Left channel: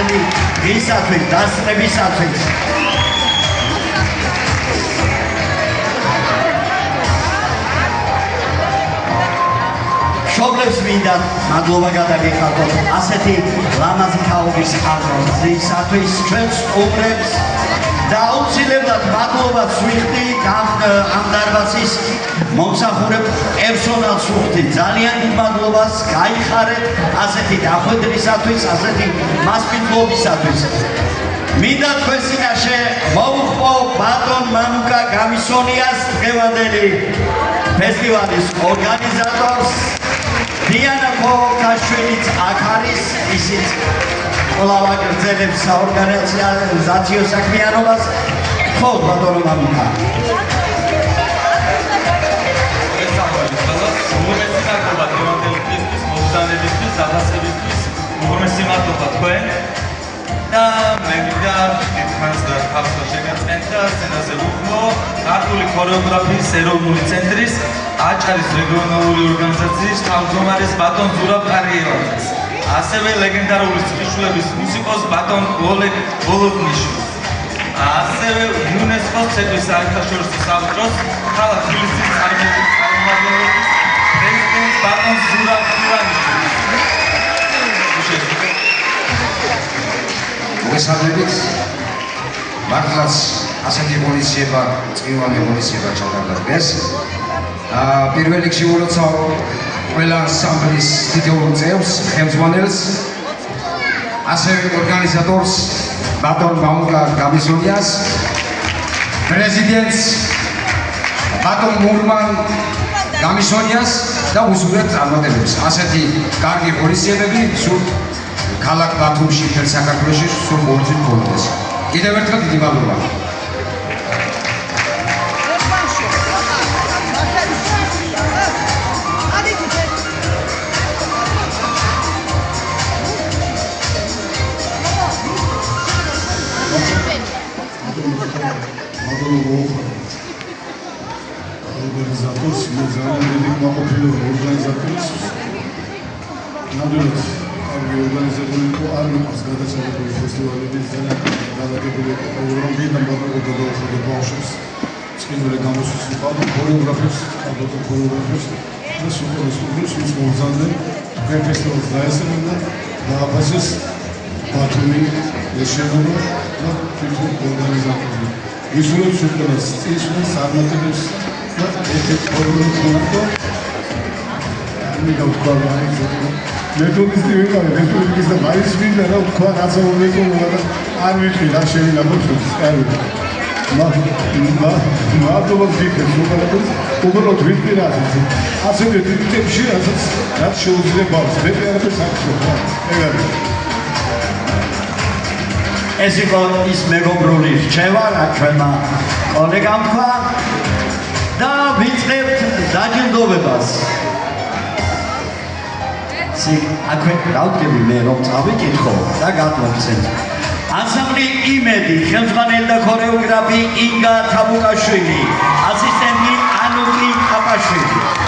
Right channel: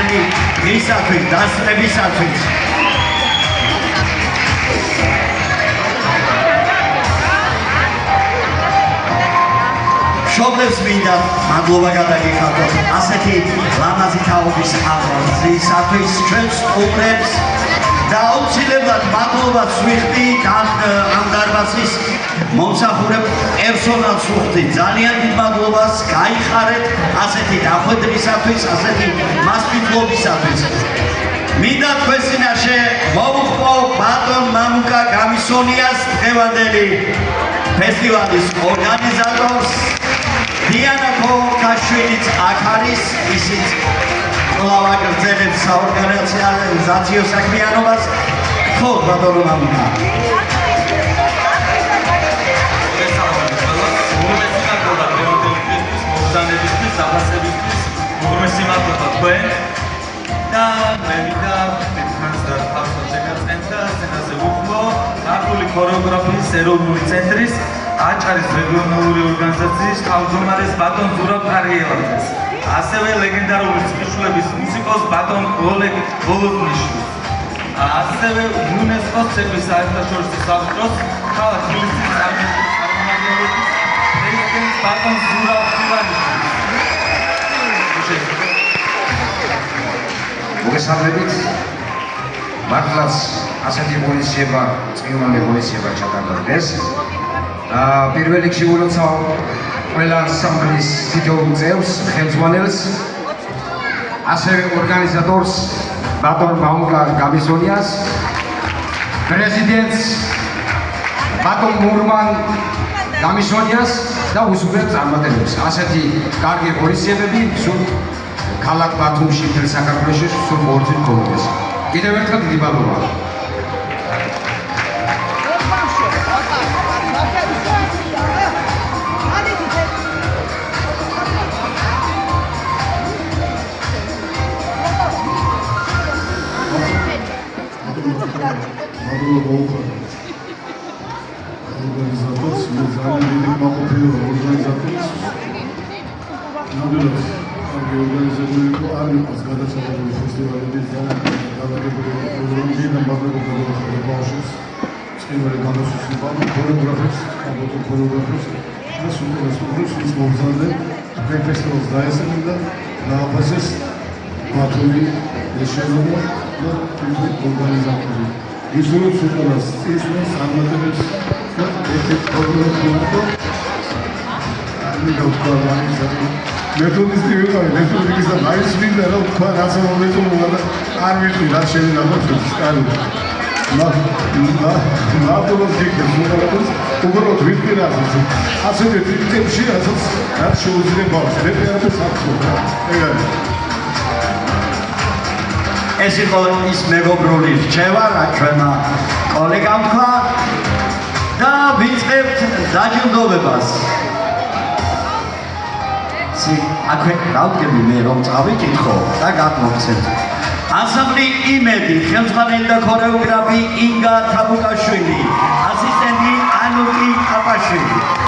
ჩვენი ისათვის დასწრებისათვის. მშობლებს მინდა მადლობა გადაგიხადოთ ასეთი ლამაზი თაობის აღზრდისათვის ჩვენს სტუმრებს და აუცილებლად მადლობას ვიხდი ამ დარბაზის მომსახურებ პერსონალს ვუხდი ძალიან დიდ მადლობას გაიხარეთ ასეთი დახვედრისათვის ასეთი მასპინძლობისათვის მინდა თქვენ წინაშე მოვუხმო ბატონ მამუკა გამისონიას დღევანდელი ფესტივალის ორგანიზატორს დიანა ქოქაშვილიც აქ არის ისიც კვლავ აგრძელებს საორგანიზაციო საქმიანობას ხო ბატონო მამუკა უმრავლესი მადლობა თქვენ და მე მინდა ერთმანეთს და ხალხს შეგაწყვეტ და სცენაზე ვუხმო ქართული ქორეოგრაფიის ეროვნული ცენტრის აჭარის რეგიონალური ორგანიზაციის თავმჯდომარეს ბატონ ზურაბ კარიევაძეს ასევე ლეგენდარული სკიშულების მუსიკოს ბატონ ოლეგ ბოლოტნიშვილს ასევე იუნესკოს ცენტრის საერთაშორისო საბჭოს ქალაქ თბილისის წარმომადგენლობის პრეზიდენტს ბატონ ზურაბ ივანიშვილს მოგესალმებით მართლაც ასეთი ღონისძიება წვიმიანი ღონისძიება ჩატარდეს პირველ რიგში ულოცავ ყველა ანსამბლის თითოეულ წევრს ხელმძღვანელს ასევე ორგანიზატორს ბატონ მამუკა გამისონიას პრეზიდენტს ბატონ მურმან გამისონიას და უსურვებ წარმატებებს ასეთი კარგი ღონისძიებები სულ ქალაქ ბათუმში მთელ საქართველოში სულ ყოველთვის მქონდეს კიდევ ერთხელ დიდი მადლობა ორგანიზატორს ძალიან დიდი მოყოლებული ორგანიზატორს ნამდვილად კარგი ორგანიზებული იყო არ მიყვარს გადასახადები ფესტივალების განადგურებული პროგრამები და მადლობა ბავშვებს წინული გამოსვლის ბატონ ქორეოგრაფებს ბატონ ქორეოგრაფებს და სუპერსტუდენტს ვის მოგზაურე თქვენ ფესტივალს დაესწრებოდა და აფასეს ბათუმი ეშენობა და თვითონ ორგანიზატორი ვისურვებთ სუპერს წისვენს წარმატებებს და ერთ-ერთ პროგრამას გქონდო আমি გავხვალ მეთოდისტი ვიყავი მეთოდიკის და მაინც მინდა რა თქვა რაც მომეკონა და არ ვიცი რა შევიდა მოწოს კარგი მადლობა გიქნებს უბრალოდ უბრალოდ ვიტყვი ასევე ტიპებში რასაც რაც შეუძლია ბავშვს მე არაფერს არ ვქნა ეს იყო ის მეგობრული რჩევა რა ჩვენმა კოლეგამ თქვა და ვიწყებთ დაჯილდოვებას აქვე გავდგები მე რომ წავიკითხო და გადმოვცეთ ანსამბლი იმედი ხელმძღვანელი და ქორეოგრაფი ინგა თაბუკაშვილი ასისტენტი ანუკი ყაპაშვილი